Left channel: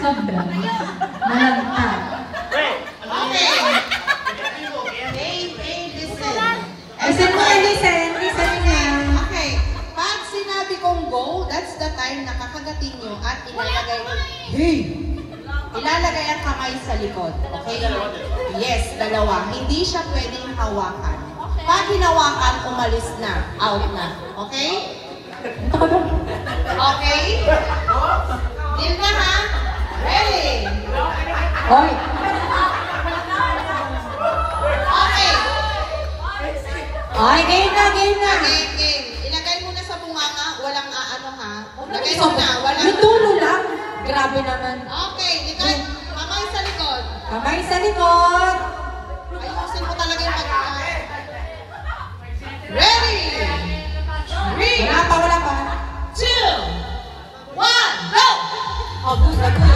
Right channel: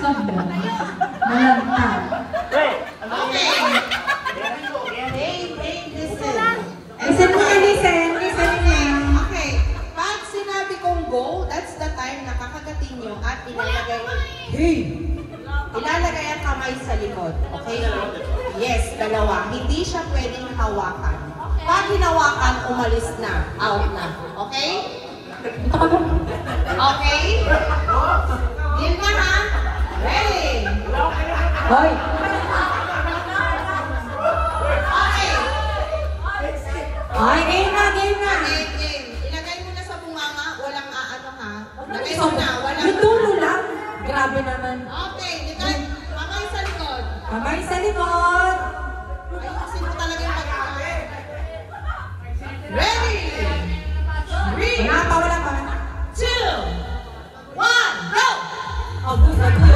Sobra. Malantag. Okay. Listen. Listen mo kay Listen. Listen niya. Okay. Pag sinabi kong go, that's the time na kakagatin nyo at ilalagay ang kamay sa likod. Okay? Yes, dalawa. Hindi siya pwedeng hawakan. Pag hinawakan, umalis na. Out na. Okay? Okay? Deal na ha? Ready? Hoy! Okay. Ay, game na, game na. Game. Ilagay mo na sa bunganga. Walang aano ha. Ilagay mo na. Walang... May tulo lang. Grabe naman. Okay. Ikay. Kamay sa likod. Kamay sa likod. Ayusin mo talaga yung pagkakas. Ready? 3, Wala pa, wala pa. 2, 1, go! Oh, gusto ko.